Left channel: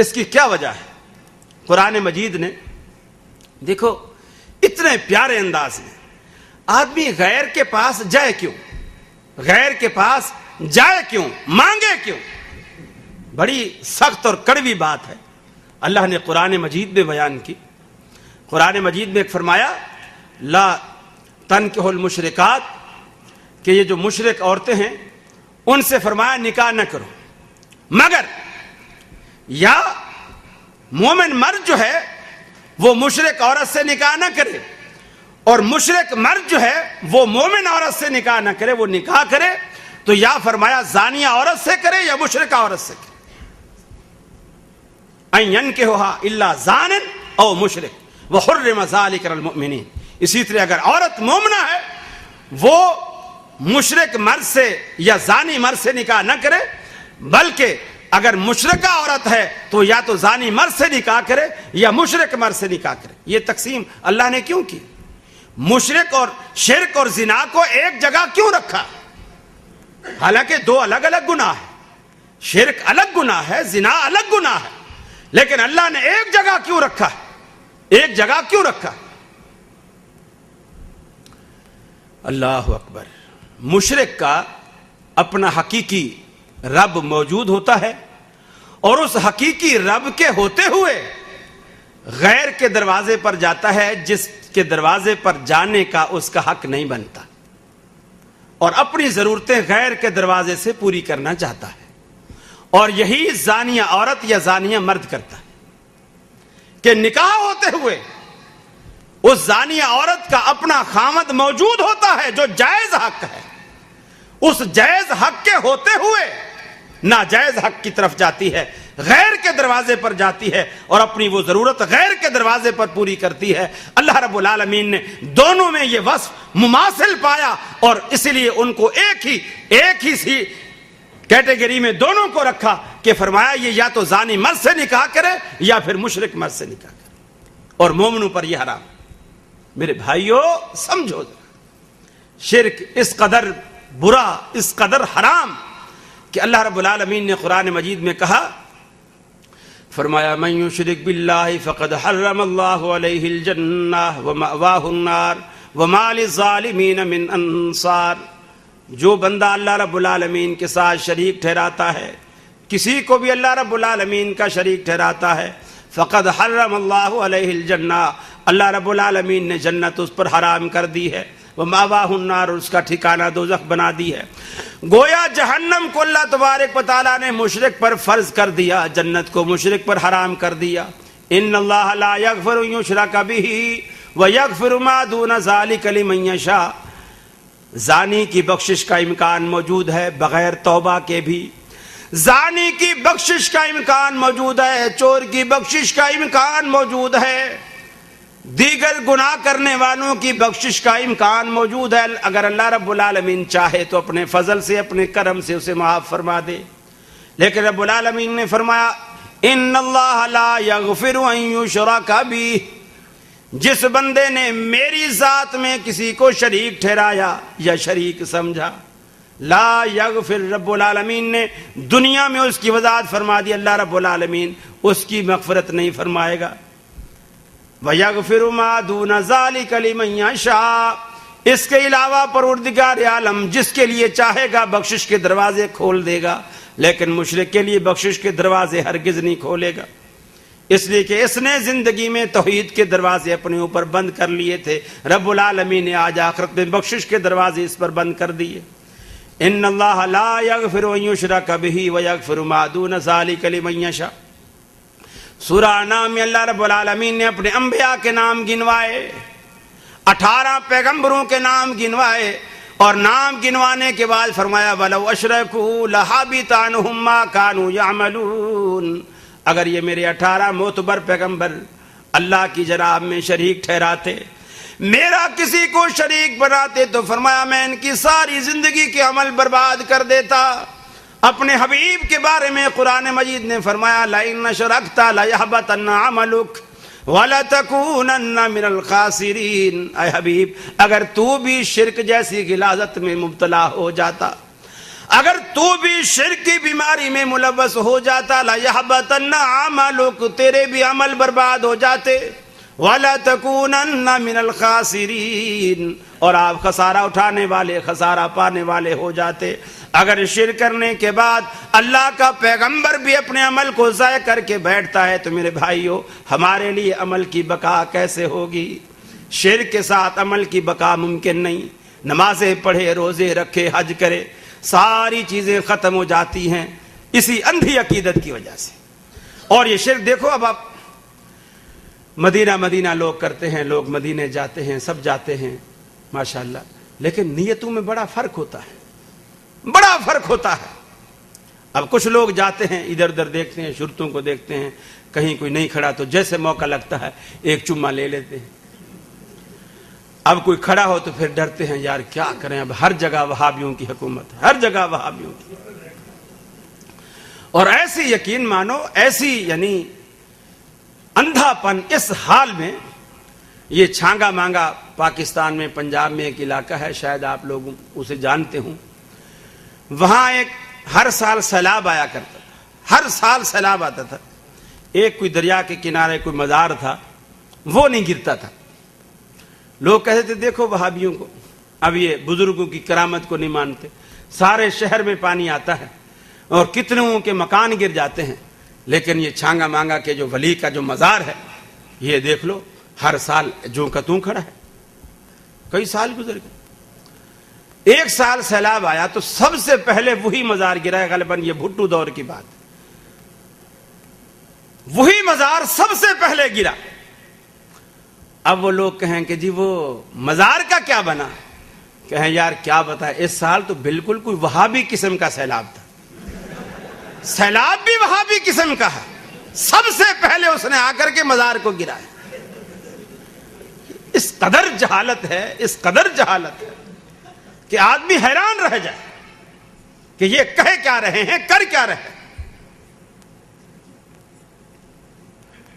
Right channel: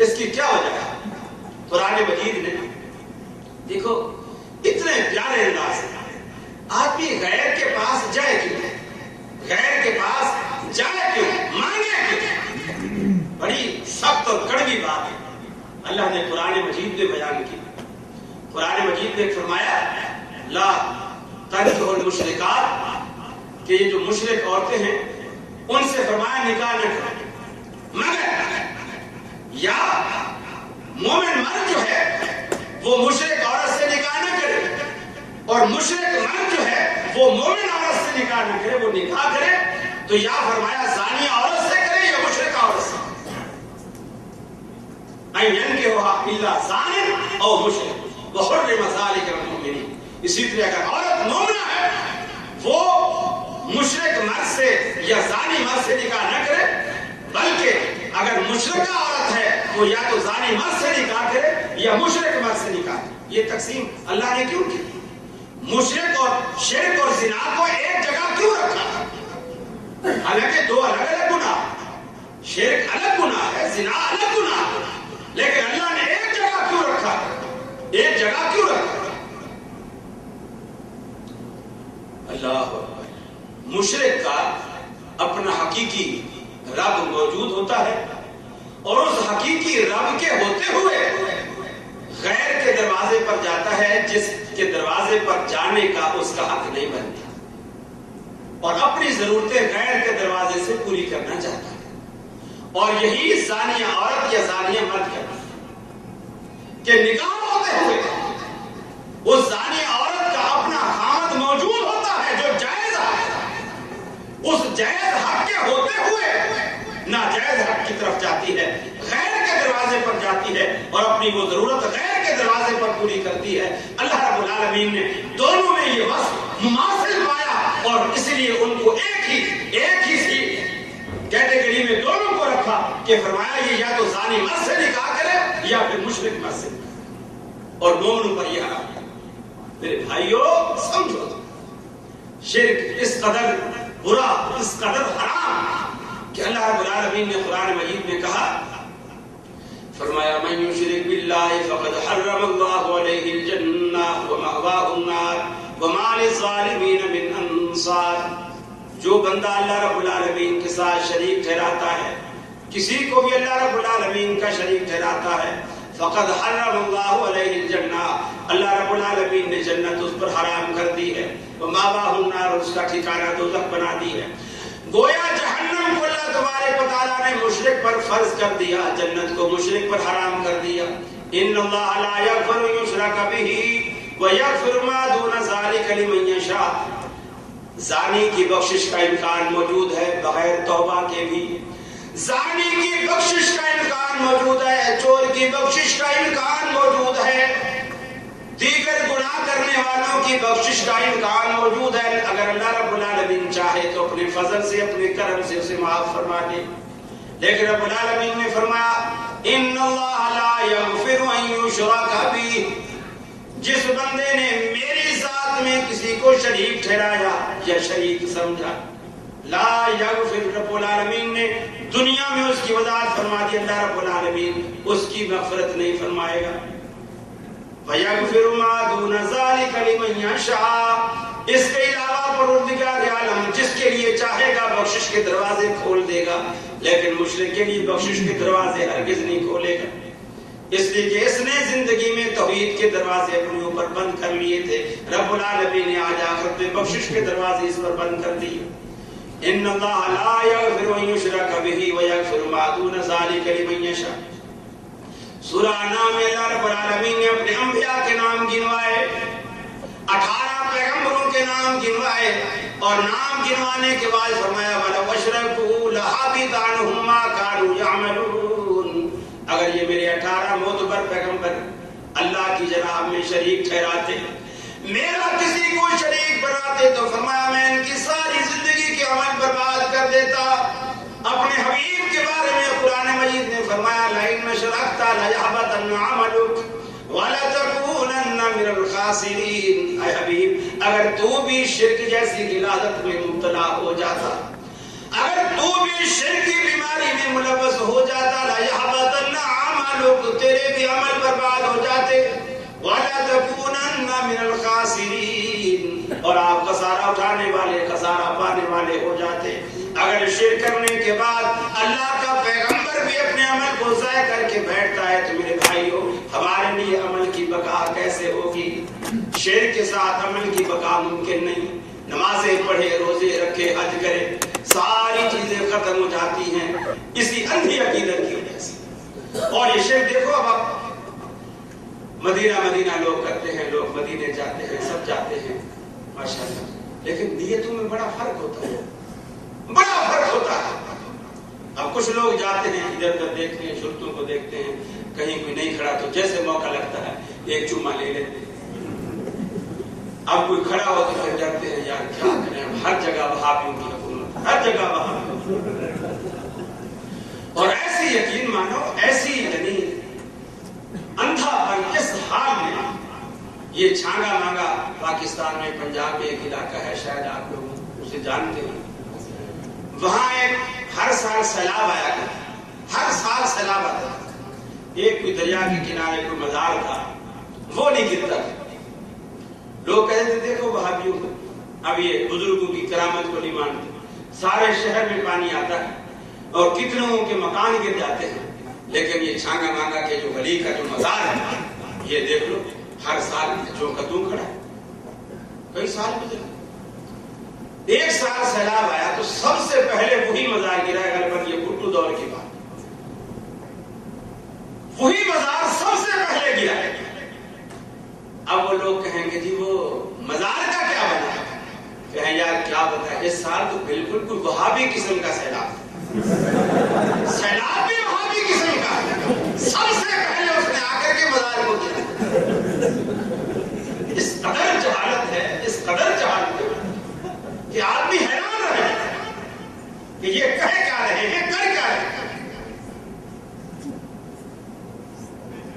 اس کی کیا وجہ ہے؟ قرآن مجید نے دیکھو اتنے پیارے انداز سے آدمی غیر کے پاس جائے کیوں، غیر کے پاس جائے کیوں، مانگے کیوں؟ بڑی سخت اور کڑوی بات ہے، اللہ نے قرآن مجید میں بیان کی۔ قرآن مجید میں فرمایا لا تنکحوا المشرکات، کہ یہ جو مشرک عورتیں ہیں ان سے فرمایا نکاح نہ کرو، مگر یا مومن مرد جو ہے وہ مشرک عورت سے نکاح نہ کرے، اور مشرک مرد جو ہے وہ مومن عورت سے نکاح نہ کرے، وہ نکاح کرے تو یا فرمایا زانیہ عورت سے کرے یا مشرکہ عورت سے، ان ينكحها الا زان او مشرک وحرم ذلك على المؤمنین۔ اسی طرح اگر عورت مومنہ ہے وہ مشرک مرد سے یا زانی مرد سے نکاح نہ کرے، بلکہ اگر مشرکہ عورت ہے تو یا تو زانی مرد سے نکاح کرے یا مشرک مرد سے نکاح کرے۔ یہ تقسیم اللہ نے کیوں کی؟ مشرک اور شرک اور زنا کو ایک جگہ کیوں رکھا؟ حالانکہ دو الگ الگ گناہ، شرک الگ گناہ ہے، زنا الگ گناہ ہے، لیکن اللہ نے ایک جگہ کیوں رکھا؟ ایک جگہ کیوں رکھا؟ اللہ اکبر۔ مشرک کا اپنا حقیقی رب موجود ہوتا ہے، اور اس حقیقی رب کے ہوتے ہوئے غیر کے دروازے پر جاتا ہے جس کے دروازے پر جانے کا اس کا حق نہیں بنتا، اور اپنی ضرورتیں غیر کے دروازے سے پوری کرنا چاہتا ہے، اور یہی زانیہ عورت یا زانیہ مرد کرتا ہے کہ نکاح ہوتے ہوئے اس زانیہ عورت کا اپنا خامد موجود ہوتا ہے جو جائز حق ہے، اس جائز حق کے ہوتے ہوئے ناجائز حق کی طرف جاتی ہے، غیر کے دروازے پر جاتی ہے اور اپنی وہ ضرورت غیر کے دروازے پر پوری کرتی ہے۔ اللہ رب العالمین نے دونوں میں یہ وصف مماثل پایا، اور اسی لیے ان کو ایک ہی سی کیٹیگری میں دونوں کو رکھا کہ فرمایا یہ یا تو زانی مرد سے نکاح کرے یا پھر مشرک مرد سے نکاح کرے، اور مومنوں پر یہ حرام۔ میرے بھائیو سمجھو، شرک اس قدر برا، اس قدر حرام کہ اللہ رب العالمین نے قرآن مجید میں کہا، فرمایا من یشرک باللہ فقد حرم اللہ علیہ الجنہ ومأواہ النار وما للظالمین من انصار۔ جو بندہ اللہ رب العالمین کے ساتھ شریک ٹھہراتا ہے، کسی کو بھی اللہ رب العالمین کا شریک ٹھہراتا ہے، فقد حرم اللہ علیہ الجنہ، اللہ رب العالمین نے جنت اس پر حرام کر دی ہے، ومأواہ النار، اس کا ٹھکانہ دوزخ بنا دی ہے۔ گویا جہنم کو اللہ تبارک و تعالیٰ نے مشرک پر فرض کر دیا، جنت کو مشرک پر حرام کر دیا۔ ان اللہ لا یغفر ان یشرک بہ ویغفر ما دون ذلک لمن یشاء۔ زانی کی بخشش کا امکان موجود ہے بغیر توبہ کے بھی، زانی کی بخشش کا امکان موجود ہے، چور کی بخشش کا امکان موجود ہے، دیگر گناہ کرنے والوں کی بخشش کا امکان موجود ہے۔ اگر اللہ رب العالمین چاہے تو اپنے فضل سے، اپنے کرم سے اسے معاف فرما دے، لیکن رب العالمین نے فرمایا ان اللہ لا یغفر ان یشرک بہ۔ جس بندے نے میری ذات میں کسی کو شریک ٹھہرایا یا شریک سمجھا، لا یغفر، رب العالمین نے دنیا میں اس کی وضاحت فرما دی، اللہ رب العالمین اس کی مغفرت نہیں فرمائے گا۔ وَيَغْفِرُ مَا دُونَ ذَلِكَ لِمَن يَشَاءُ، اس کے علاوہ پروردگار عالم جس کے لیے چاہے گا بخشش کے دروازے کھول دے گا، لیکن مشرک کے لیے بخشش کے دروازے ہرگز نہیں کھولے گا، اس لیے کہ اس نے زندگی میں توحید کے دروازے اپنے اوپر بند کر لیے تھے، رب العالمین نے آج آخرت میں بخشش کے دروازے اس پر بند کر دیے۔ ان اللہ لا یغفر ان یشرک بہ ویغفر ما دون ذلک لمن یشاء۔ سورہ انعام میں اللہ رب العالمین نے اپنے انبیاء کے نام گنوائے، 18 پیغمبروں کے نام گنوائے، اور نام گنوانے کے بعد فرمایا وَلَوْ أَشْرَكُوا لَحَبِطَ عَنْهُمْ مَا كَانُوا يَعْمَلُونَ۔ اگر یہ میرے 18 معتبر پیغمبر اللہ کی جناب میں شریک ٹھہراتے، میرا کسی کو شریک بناتے، تو فرمایا میں ان کی ساری زندگی کے عمل برباد کر دیتا۔ اپنے حبیب کے بارے میں قرآن مجید نے فرمایا لَئِنْ أَشْرَكْتَ لَيَحْبَطَنَّ عَمَلُكَ وَلَتَكُونَنَّ مِنَ الْخَاسِرِينَ۔ اے حبیب، اگر تو بھی شرک جیسی غلاظت میں مبتلا ہو جاتا، اگر تو بھی شرک کی بیماری میں ملوث ہو جاتا لَيَحْبَطَنَّ عَمَلُكَ، تیرے بھی عمل برباد ہو جاتے، وَلَا تَكُونَنَّ مِنَ الْخَاسِرِينَ، اور آپ خسارہ اٹھانے والے، خسارہ پانے والے ہو جاتے۔ اگر شرک کرنے کے بعد اللہ کا پیغمبر بھی اپنے عمل کو ضائع کر کے بیٹھتا ہے تو میرے بھائیو ہمارے لیے عمل کی بقا کیسے ہوگی؟ شرک کے ساتھ عمل کی بقا ممکن نہیں۔ نمازیں پڑھے، روزے رکھے، حج کرے، ساری چیزیں ختم ہو جاتی ہیں اسی اندھی عقیدت کی وجہ سے۔ اور یہ شرک دیکھو، اب آپ مدینہ لوگ کرتے ہیں، لوگ مدینے جاتے ہیں، سب جاتے ہیں ماشاءاللہ، لیکن نیتوں میں بڑا فرق ہوتا ہے، بڑا فرق ہوتا ہے۔ اب کچھ لوگ جاتے ہیں ادھر ادھر دیکھتے ہیں، شرطوں کو دیکھتے ہیں، کہیں کوئی نہیں کھڑا تو جیسے موقع لگتا ہے ایک چمہ لے لیتے ہیں۔ اب کوئی کھڑا ہو تو پھر ڈرتے ہیں، یار کیا کریں، اب ہر جگہ وہابیوں کی حکومت ہے، ہر جگہ وہابیوں کی۔ اور ایسی یقین مانو، ایسی یعنی اندھا پن اس حال میں، یہ چھانگا مانگا پاکستان میں پنجاب میں ایک علاقہ ہے، شاید آپ لوگ اسے جانتے ہوں، وہاں ایک ہر سال سیلاب آیا کرتا، ہر سال سیلاب آتا تھا۔ ایک کوئی دریا کے کنارے کوئی مزار تھا، وہ نہیں گرتا تھا۔ لوگ کہتے تھے دیکھو وہابیوں کو، اب یہ بزرگوں کی کرامت کو نہیں مانتے، سارے شہر میں پانی آتا ہے اور کتنوں کے مکان گر جاتے ہیں، لیکن یہ چھانگا مانگا کے جو ولی کا جو مزار ہے، یہ دیکھ لو ہر سال جو کا توں کھڑا ہے۔ کئی سال گزر گئے، ایک سال سیلاب آیا تو سب سے پہلے وہی مزار گرا ہے، غالباً یہ بھٹو دور کی بات، وہی مزار سب سے پہلے گرا۔ اب وہ لوگ کہیں کہ جی وہ مزار کا کیا بنا؟ کہیں یار کیا بتائے، اس سال تو بالکل کوئی وہابی قسم کا سیلاب، سیلاب بھی وہابی قسم کا ہے، سب سے پہلے اس نے آ کر کے مزار کو گرا۔ اس قدر جہالت ہے، اس قدر جہالت ہے کہ آدمی حیران رہ جائے کہ یہ کہہ کیا رہے ہیں، کر کیا رہے ہیں۔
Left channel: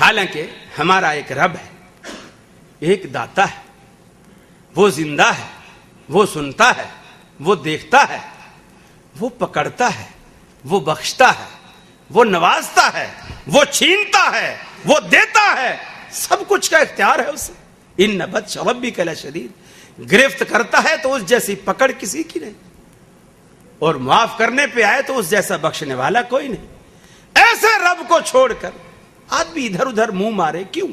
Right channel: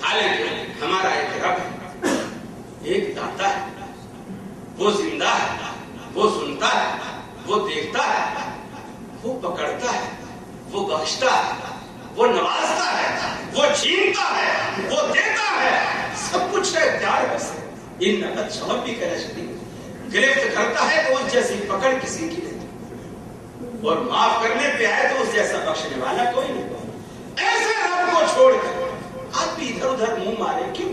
حالانکہ ہمارا ایک رب ہے، ایک داتا ہے، وہ زندہ ہے، وہ سنتا ہے، وہ دیکھتا ہے، وہ پکڑتا ہے، وہ بخشتا ہے، وہ نوازتا ہے، وہ چھینتا ہے، وہ دیتا ہے، سب کچھ کا اختیار ہے اسے۔ ان بطش ربک لشدید، گرفت کرتا ہے تو اس جیسی پکڑ کسی کی نہیں، اور معاف کرنے پہ آئے تو اس جیسا بخشنے والا کوئی نہیں۔ ایسے رب کو چھوڑ کر آدمی ادھر ادھر منہ مارے کیوں؟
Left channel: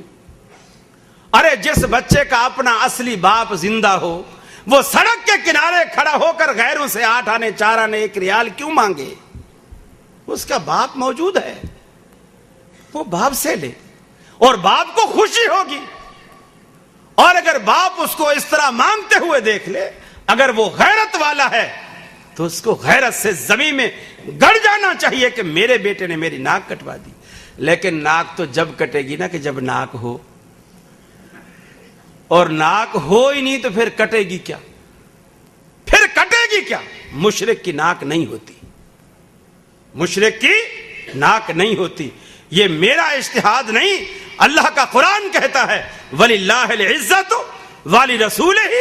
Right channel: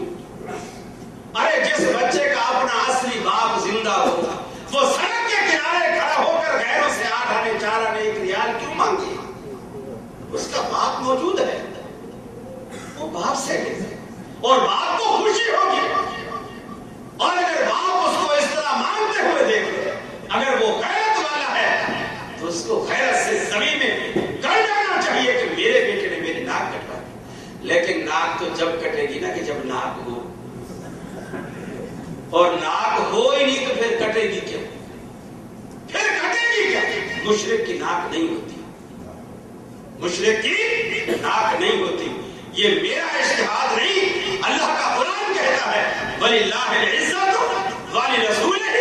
ارے جس بچے کا اپنا اصلی باپ زندہ ہو، وہ سڑک کے کنارے کھڑا ہو کر غیروں سے 8 آنے 4 آنے 1 ریال کیوں مانگے؟ اس کا باپ موجود ہے، وہ باپ سے دے، اور باپ کو خوشی ہوگی۔ اور اگر باپ اس کو اس طرح مانگتے ہوئے دیکھ لے، اگر وہ غیرت والا ہے تو اس کو غیرت سے زمین میں گڑ جانا چاہیے کہ میرے بیٹے نے میری ناک کٹوا دی۔ لیکن ناک تو جب کٹے گی نا کہ جب ناک ہو، اور ناک ہو ہی نہیں تو پھر کٹے گی کیا؟ پھر کٹے گی کیا؟ مشرک کی ناک نہیں ہوتی، مشرک کی ناک نہیں ہوتی۔ یہ میرا اجتہاد نہیں، اللہ کا قرآن کہتا ہے وَلِلَّهِ الْعِزَّةُ وَلِرَسُولِهِ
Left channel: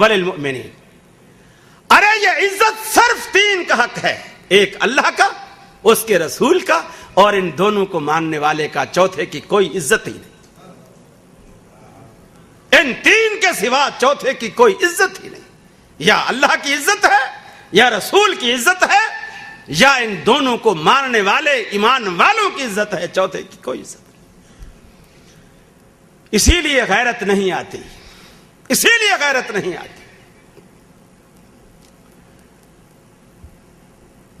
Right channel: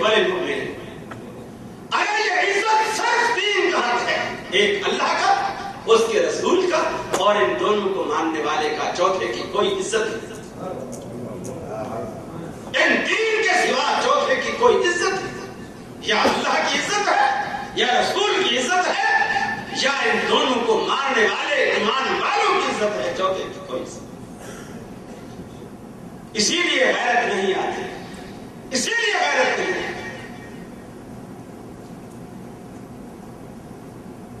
وَلِلْمُؤْمِنِينَ۔ ارے یہ عزت صرف 3 کا حق ہے، ایک اللہ کا، اس کے رسول کا، اور ان دونوں کو ماننے والے کا، چوتھے کی کوئی عزت نہیں۔ ان 3 کے سوا چوتھے کی کوئی عزت نہیں، یا اللہ کی عزت ہے، یا رسول کی عزت ہے، یا ان دونوں کو ماننے والے ایمان والوں کی عزت ہے، چوتھے کی کوئی عزت نہیں۔ اسی لیے غیرت نہیں آتی، اسی لیے غیرت نہیں آتی۔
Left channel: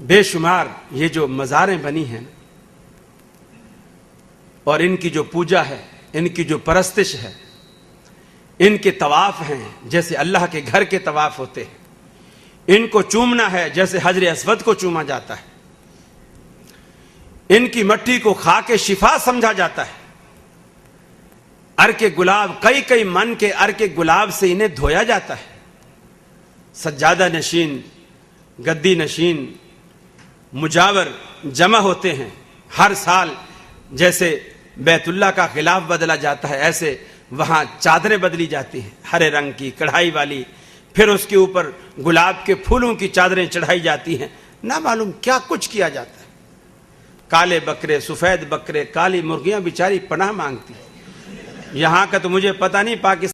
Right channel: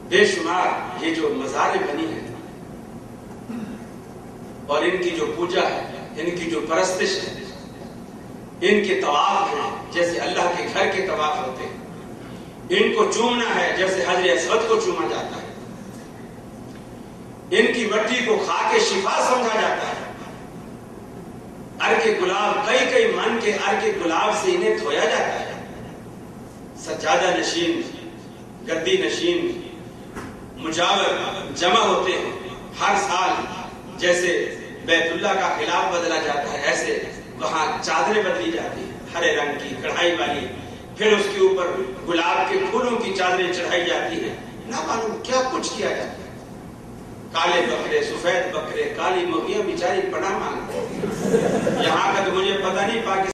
بے شمار یہ جو مزاریں بنی ہیں اور ان کی جو پوجا ہے، ان کی جو پرستش ہے، ان کے طواف ہیں جیسے اللہ کے گھر کے طواف ہوتے ہیں، ان کو چومنا ہے جیسے حجر اسود کو چوما جاتا ہے، ان کی مٹی کو کھا کے شفا سمجھا جاتا ہے، عرق گلاب، کئی من کے عرق گلاب سے انہیں دھویا جاتا ہے، سجادہ نشین، گدی نشین، مجاور جمع ہوتے ہیں ہر سال، جیسے بیت اللہ کا غلاف بدلا جاتا ہے ایسے وہاں چادریں بدلی جاتی ہیں، ہرے رنگ کی کڑھائی والی، پھر اس کے اوپر گلاب کے پھولوں کی چادریں چڑھائی جاتی ہیں، نہ معلوم کیا کچھ کیا جاتا ہے. کالے بکرے، سفید بکرے، کالی مرغیاں بیچاری پناہ مانگتے ہیں. یہاں کا تو مجھے پتہ نہیں، پاکستان